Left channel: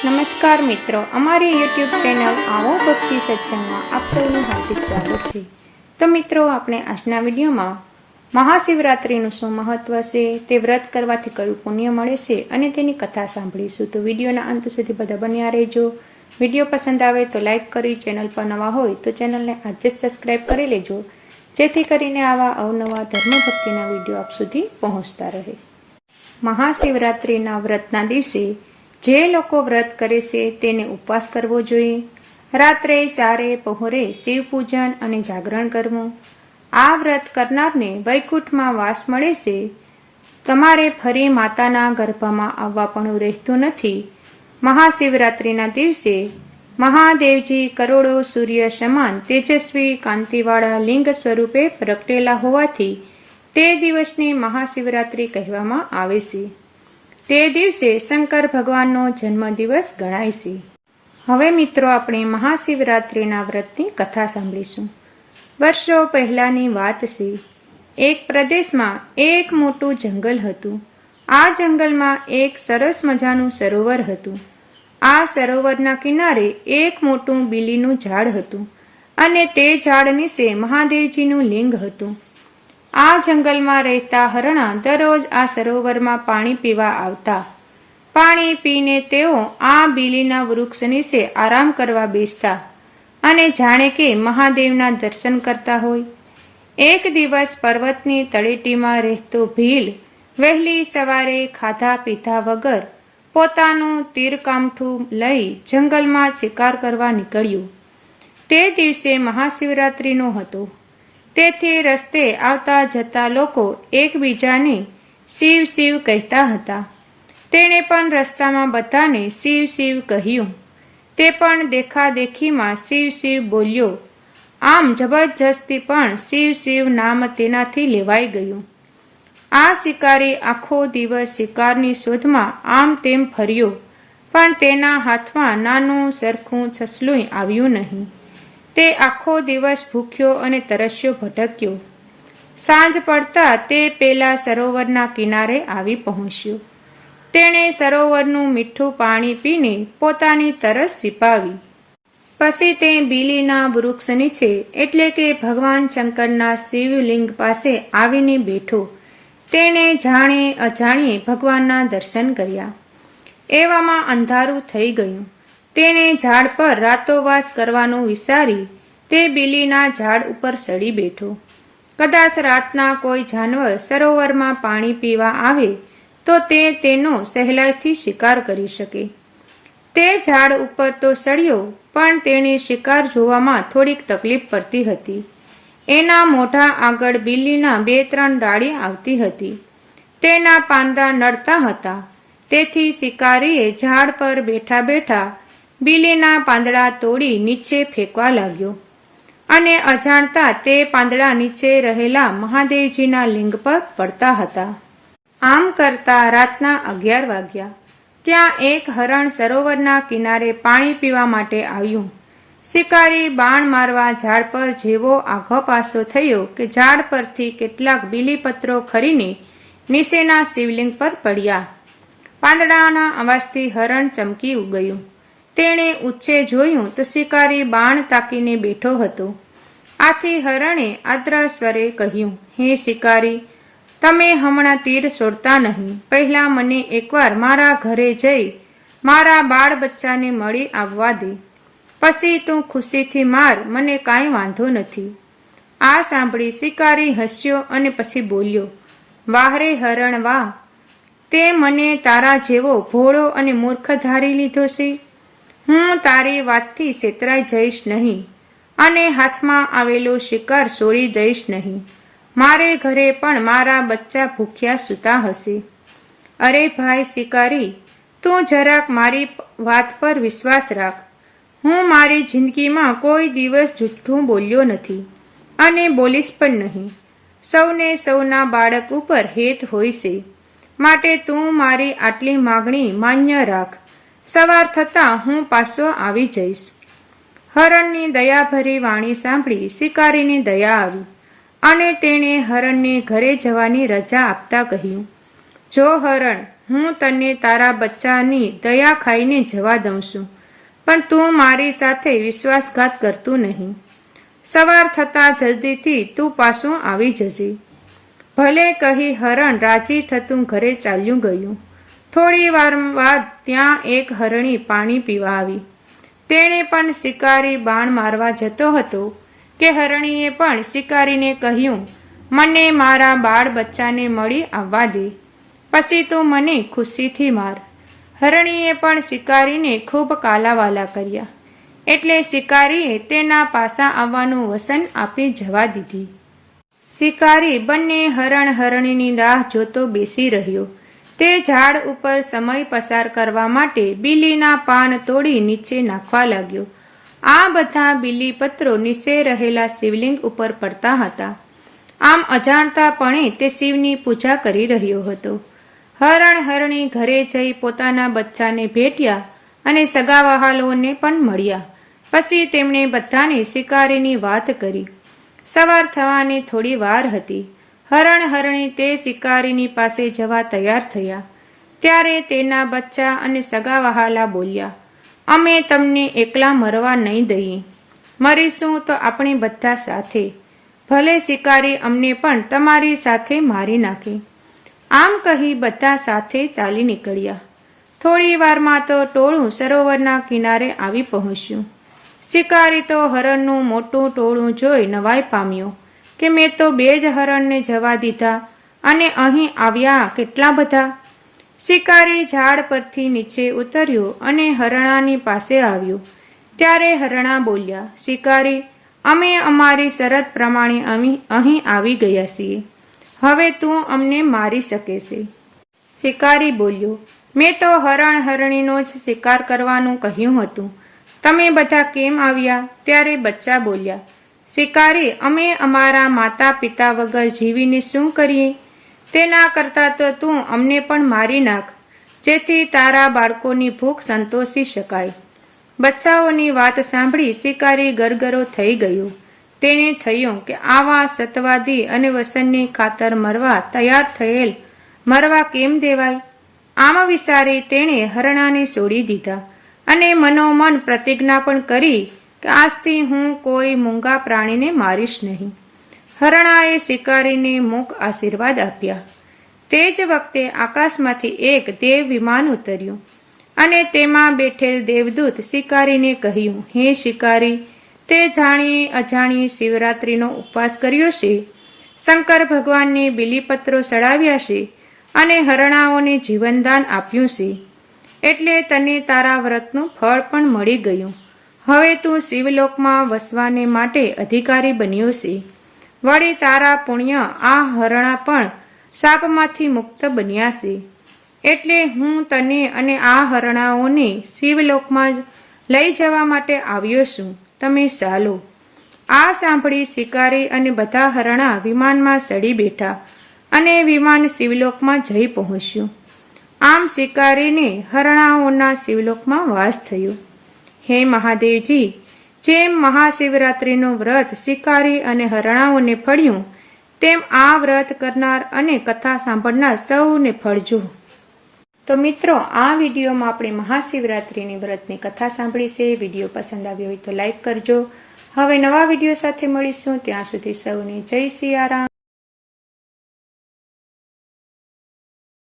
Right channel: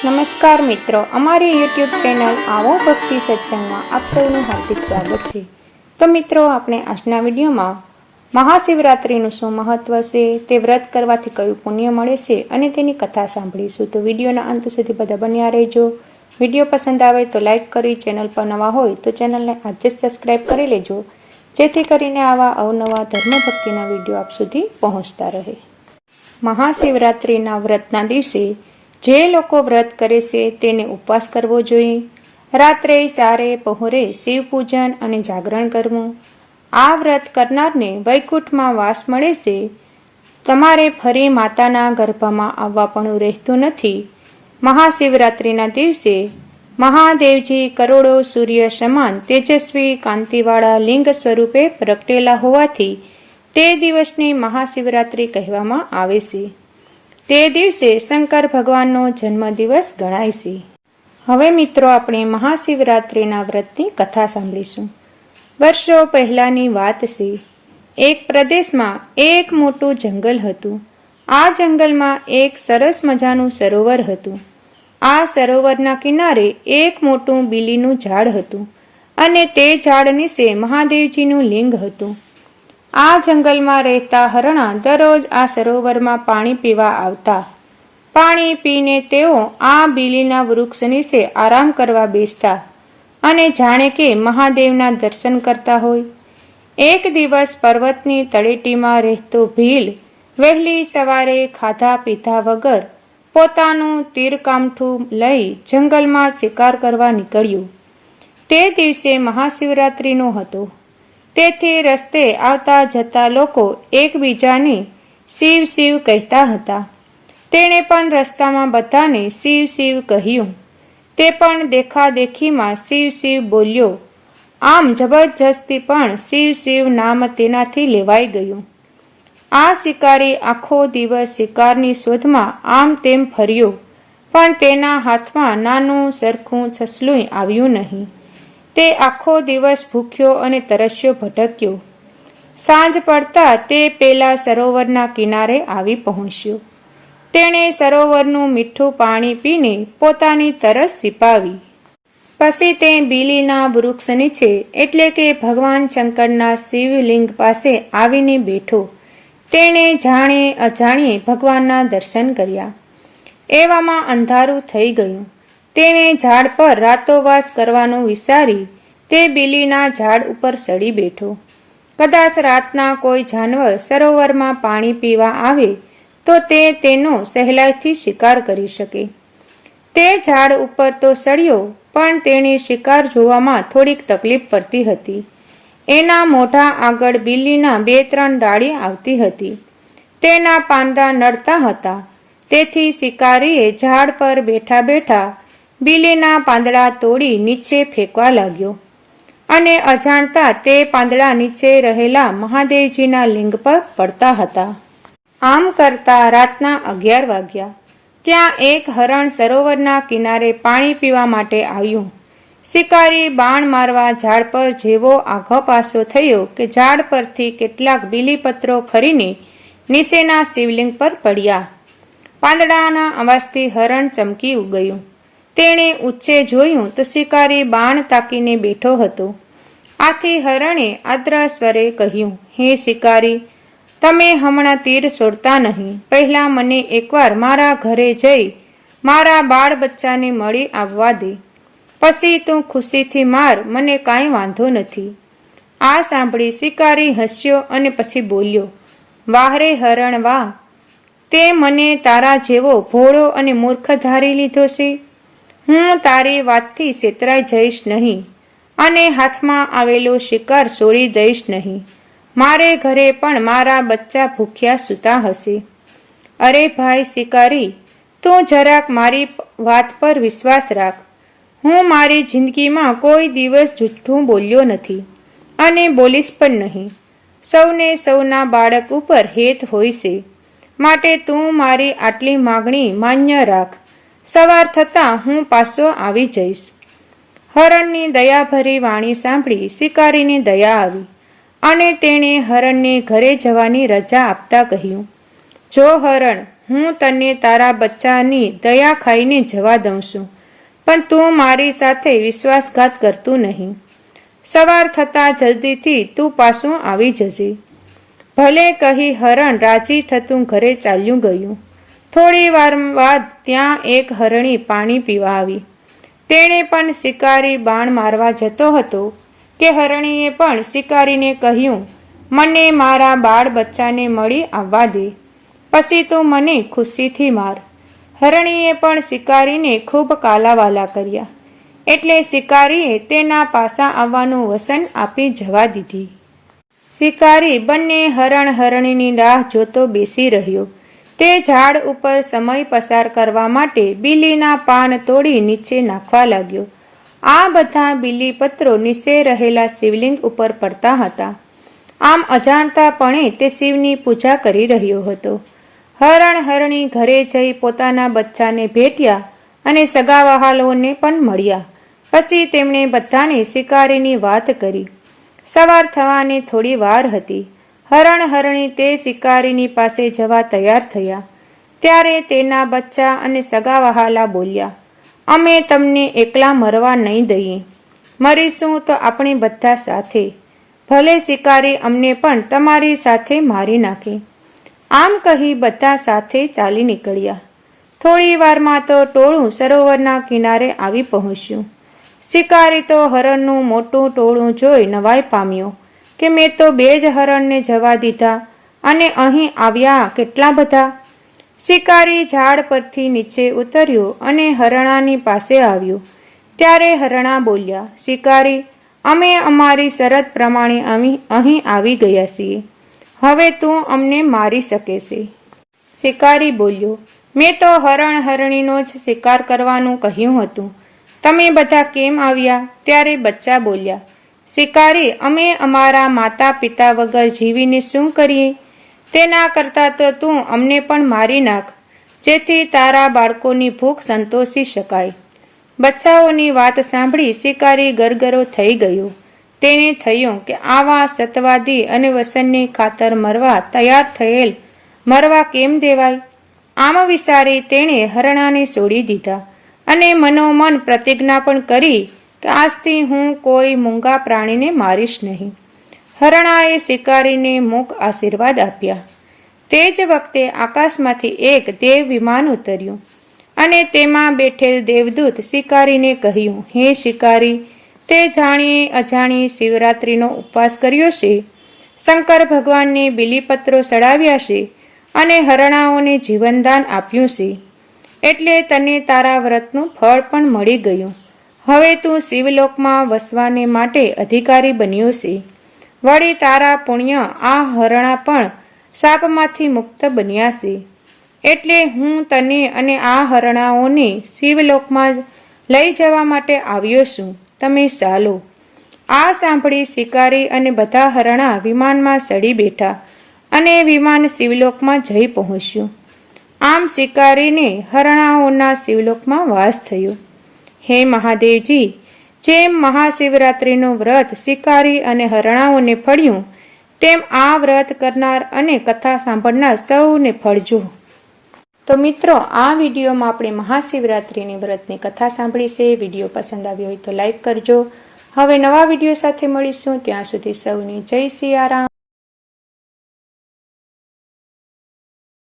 નમસ્કાર મિત્રો, અમારી યુટ્યુબ ચેનલ આવો ભક્તિ સત્સંગમાં આપ સૌનું હાર્દિક સ્વાગત છે. તો મિત્રો, આપણે આજના વિડીયોમાં મહાશિવરાત્રિનું શું મહત્વ છે, તે વ્રત કરવાથી કયું પુણ્ય મળે છે, અને તેની કથા સાંભળીશું. તો વિડીયોના અંત સુધી બધા બન્યા રહેજો. વીડિયો પસંદ આવે તો લાઈક કરી, ચેનલ પર નવા હોય તો ચેનલને આજે જ સબસ્ક્રાઈબ કરી લેજો, જેથી કરીને આવા અવનવા ધર્મ ભક્તિના વીડિયો આપ સુધી પહોંચતા રહે. મહાશિવરાત્રિના વ્રતના દિવસે જે લોકો વ્રત કરે છે તેને ઉપવાસ કરવો જોઈએ. રાત્રે, સારે, પહોરે શિવ પૂજન અને જાગરણ કરવું. આ વ્રત કરનારને વૈકુંઠમાં વાસ મળે છે. તમારે ફરી માતાના ગર્ભમાં આવવા પણ રહેતું નથી. મહાશિવરાત્રિના દિવસે મહાદેવજી કરોડો સૂર્ય સમાન તેજસ્વી કાંતિવાળા લિંગ સ્વરૂપે પ્રગટેલા હોવાથી તે દિવસને મહાશિવરાત્રિ કહેવામાં આવે છે. તે દિવસે શંકર ભગવાનનો જન્મદિવસ ગણાય છે. હવે મિત્રો આપણે મહાશિવરાત્રિના વ્રતની કથા સાંભળીશું. વર્ષો પહેલાંની વાત છે. એક પ્રદેશમાં એક મોટું જંગલ હતું. આ જંગલમાં એક સરસ મજાનું સરોવર હતું. આ સરોવરના કિનારે એક મોટું બીલીનું ઝાડ હતું અને તે ઝાડ નીચે મહાદેવજીનું લિંગ હતું. આ જંગલમાં રહેતા હરણા દરરોજ આ સરોવરમાં પાણી પીવા આવતા. પાણી પીને તેઓ આ બીલીના વૃક્ષ નીચે આરામ કરવા બેસતા અને જાણે કે મહાદેવના દર્શન કરતા હોય. એક દિવસ પર્વતની તળેટીમાં રહેતો ભીલ વહેલી સવારે ખાધા પીધા વગર પોતાનું તીરકામઠું લઈ જંગલમાં શિકાર કરવા નીકળ્યું. તે દિવસે મહાશિવરાત્રિનો હતો. તેથી રસ્તે આવતા જતા લોકો એકબીજાને શિવ શિવ કહેતા હતા. તેણે પણ રસ્તામાં બધાને શિવ શિવ કહ્યું. તે પણ દેખાદેખીમાં શિવ શિવ બોલ્યો, આમ જબરજસ્તી પણ શિવ શિવ નામ તેનાથી લેવાઈ ગયું. આ શિકારી આખો દિવસ શિકારની શોધમાં આમ તેમ ફર્યો, પણ તેના હાથમાં નાનું સરખું છસલું આવ્યું નહીં. તે આખો દિવસ ભૂખ્યો અને તરસ્યો ભટક્યો. સાંજ પડતા તે પેલા સરોવરના કિનારે આવી પહોંચ્યો. તેણે સરોવરનું મીઠું પાણી પીને પોતાની તરસ સિપાવી. પછી તે બીલીના વૃક્ષ નીચે, એટલે કે ભગવાન શંકરના શિવલિંગ પાસે આવીને બેઠો. તેણે જાણે અજાણીએ ભગવાનના દર્શન કર્યા. એવામાં અંધારું થઈ ગયું. તેણે ઝાડ પર રાતોવાસ કરવાનું વિચારી તે બિલીના ઝાડ ઉપર ચડી બેઠો. કદાચ રાતના કોઈ જાનવર સરોવરમાં પાણી પીવા આવે તો તે તેનો સહેલાઈથી શિકાર કરી શકે. તે ઝાડ ઉપર તો સડ્યો, પણ તેણે શિકાર જોવામાં થોડીક તકલીફ પડતી હતી. એના મોઢા આગળ બિલ્લીના બે ત્રણ ડાળી આવતી હતી. તેના પાંદા નડતા હતા. તેથી શિકારીએ ઝાડ પર બેઠા બેઠા બિલીના પાંદડા તોડી નીચે ફેંકવા લાગ્યો. અને અજાણતા તે પાંદડા નીચે રહેલા મહાદેવજીના લિંગ પર પડતા હતા. આમ કરતા રાતના અગિયાર વાગ્યા. ત્યાં એક હરણ સરોવરના કિનારે પાણી પીવા માટે આવ્યું. શિકારી બાણ મારવા ઝાડ પર જેવો આઘો પાસો થયો કે ઝાડ પરથી કેટલાક બીલીપત્રો ખરીને નીચેના શિવલિંગ પર પડ્યા. પાંદડાના અવાજથી હરણ ચમકી ગયું તેણે ઉચ્ચે જોયું તો શિકારી બાણ તાકીને બેઠો હતો. આથી હરણે આદ્ર સ્વરે કહ્યું, હે શિકારી, તમે હમણાં તીર છોડતા નહીં. પહેલા મને એકવાર મારા ઘરે જઈ, મારા બાળ બચ્ચાને મળી આવવા દે. પછી તું ખુશીથી માર, મને કાંઈ વાંધો નથી. આ સાંભળી શિકારી હસ્યો અને પછી બોલ્યો, વાહરે હરણ, વાહ. તે મને તારા જેવો ભોળો અને મૂર્ખ ધારી લીધો છે. હું તારી વાતથી છેતરાઈ જઈશ નહીં અને હાથમાં આવેલો શિકાર છોડી દઈશ નહીં. મારે ઘરે પણ મારા બચ્ચા ભૂખ્યા સૂતા હશે. અરે ભાઈ શિકારી, તું જરાક મારી વાત પર વિશ્વાસ રાખ. હું મારી જિંદગીમાં કોઈ દિવસ જૂઠું બોલ્યો નથી અને બોલીશ પણ નહીં. સૌને સૌના બાળક ઉપર હેત હોય છે. માટે તું મારી આટલી માગણી માન્ય રાખ. સવાર થતાં હું પાછો આવી જઈશ. હરણની દયાભરી વાણી સાંભળી શિકારીને દયા આવી અને તેણે હરણને ઘરે જવાની રજા આપતા કહ્યું, જો હરણ, હું તને તારા બચ્ચાની દયા ખાઈને જવા દઉં છું, પણ તું મારી સાથે વિશ્વાસઘાત કરતું નહીં. સવાર થતાં જલ્દીથી તું પાછું આવી જજે. ભલે કહી હરણ રાજી થતું ઘરે ચાલ્યું ગયું થોડી વાર બાદ ત્યાં એક હરણી પાણી પીવા આવી. તેણે પણ શિકારી બાણ મારવા જતો હતો કે હરણીએ પણ શિકારીને કહ્યું, મને મારા બાળ બચ્ચાને મળી આવવા દે. પછી તું મને ખુશીથી માર. હરણીએ પણ શિકારીને ખૂબ કાલાવાલા કર્યા. એટલે શિકારીએ તેના પાસા આવવાનું વસન આપી જવા દીધી. શિકારી બંને હરણ હરણીની રાહ જોતો બેસી રહ્યો. તે ઝાડ ઉપર સમય પસાર કરવા માટે બીલીના પાન તોડી નીચે નાખવા લાગ્યો. આ બધા બિલી પત્રો નીચે રહેલા શિવલિંગ ઉપર પડતા હતા. આમ અજાણતાપણે તે શિવની પૂજા કરી રહ્યો હતો. હરણ હરણી ઘરે જઈ પોતાના બચ્ચાને ભેટ્યા અને સગાવહાલોને પણ મળ્યા. પછી તેમણે બધાને શિકારીની વાત કરી. સવાર થવાની થોડી વાર હતી. હરણ હરણી તે શિકારીની પાસે જવા તૈયાર થયા. ત્યારે તેના બચ્ચા અને સગા વહાલા બોલ્યા, અમે તમને એકલા મરવા નહીં દઈએ. મરીશું તો આપણે બધા સાથે. ભલે શિકારી અમને પણ તમારી સાથે મારી નાખે. આમ કહી બધા સાથે ચાલી નીકળ્યા. થોડી વારમાં તો ટોળું સરોવરના કિનારે આવી પહોંચ્યું. શિકારી તો હરણનું મોટું ટોળું જોઈ નવાઈ પામ્યો. કે મેં તો બે જ હરણને જવા દીધા અને અહીં આવ્યા કેટલા બધા? શિકારી ઝાડ પરથી નીચે ઉતર્યો અને હરણાની પાસે આવ્યો. ત્યારે હરણા બોલ્યા, શિકારી, અમે અમારી શરત પ્રમાણે અહીં આવી ગયા છીએ. હવે તું અમને મારી શકે છે. શિકારી બોલ્યો, મેં તો હરણ હરણીનો જ શિકાર કરવાનું કહ્યું હતું. તમે બધા કેમ આવ્યા? ત્યારે બચ્ચા બોલ્યા શિકારી, અમે અમારા માતા પિતા વગર જીવીને શું કરીએ? તેના કરતાં તો તું અમને પણ મારી નાખ, જેથી તારા બાળકોની ભૂખ સંતોષી શકાય. બચ્ચાઓની વાત સાંભળી શિકારી ગરગરો થઈ ગયો. તેને થયું કે આવા સતવાદી અને વસનની ખાતર મરવા તૈયાર થયેલ. મરવા કેમ દેવાય? આમ વિચારી તેણે હરણાને છોડી દીધા અને મનોમન પ્રતિજ્ઞા પણ કરી કે આજથી હું કોઈ મૂંગા પ્રાણીને મારીશ નહીં. હરણાએ શિકારીને મૂક આશીર્વાદ આપ્યા. તે જ વખતે આકાશમાંથી એક દેવ વિમાન ઉતર્યું અને તેમાં બેઠેલ દેવદૂત શિકારીને કહ્યું, હે શિકારી, તે જાણીએ અજાણીએ શિવરાત્રિનો ઉપવાસ કર્યો છે? શંકર ભગવાનને બિલીપત્રો ચડાવ્યા છે અને હરણાઓને જીવનદાન આપ્યું છે. એટલે તને તારા વ્રતનું ફળ પણ મળી ગયું. હવે તું શિવલોકમાં વસવાને માટે અધિકારી બન્યો છે. વળી તારા પુણ્ય આ હરણા પણ સાપમાંથી મુક્ત બન્યા છે. એટલે હું તને અને આ હરણાઓને શિવલોકમાં લઈ જવા માટે આવ્યો છું. તમે ચાલો. આ સાંભળી શિકારી અને બધા હરણા વિમાનમાં ચડી બેઠા અને વિમાન શિવલોકમાં જઈ પહોંચ્યું. આમ શિકારીને હરણાઓના શિવલોકમાં વાસ થયો. હે મહાદેવજી, જેમ મહાશિવરાત્રિનું વ્રત શિકારી અને હરણાઓને ફળ્યું, તેમ આ વ્રત કરનાર અને કથા સાંભળનાર સૌને ફળજો. તો મિત્રો, આ વિડીયોમાં આપણે મહાશિવરાત્રિની વ્રતની કથા સાંભળી છે વીડિયો પસંદ આવ્યો હોય તો લાઈક કરજો. હવે નવા વીડિયો સાથે મળીશું, ત્યાં સુધી સૌને જય સિયારામ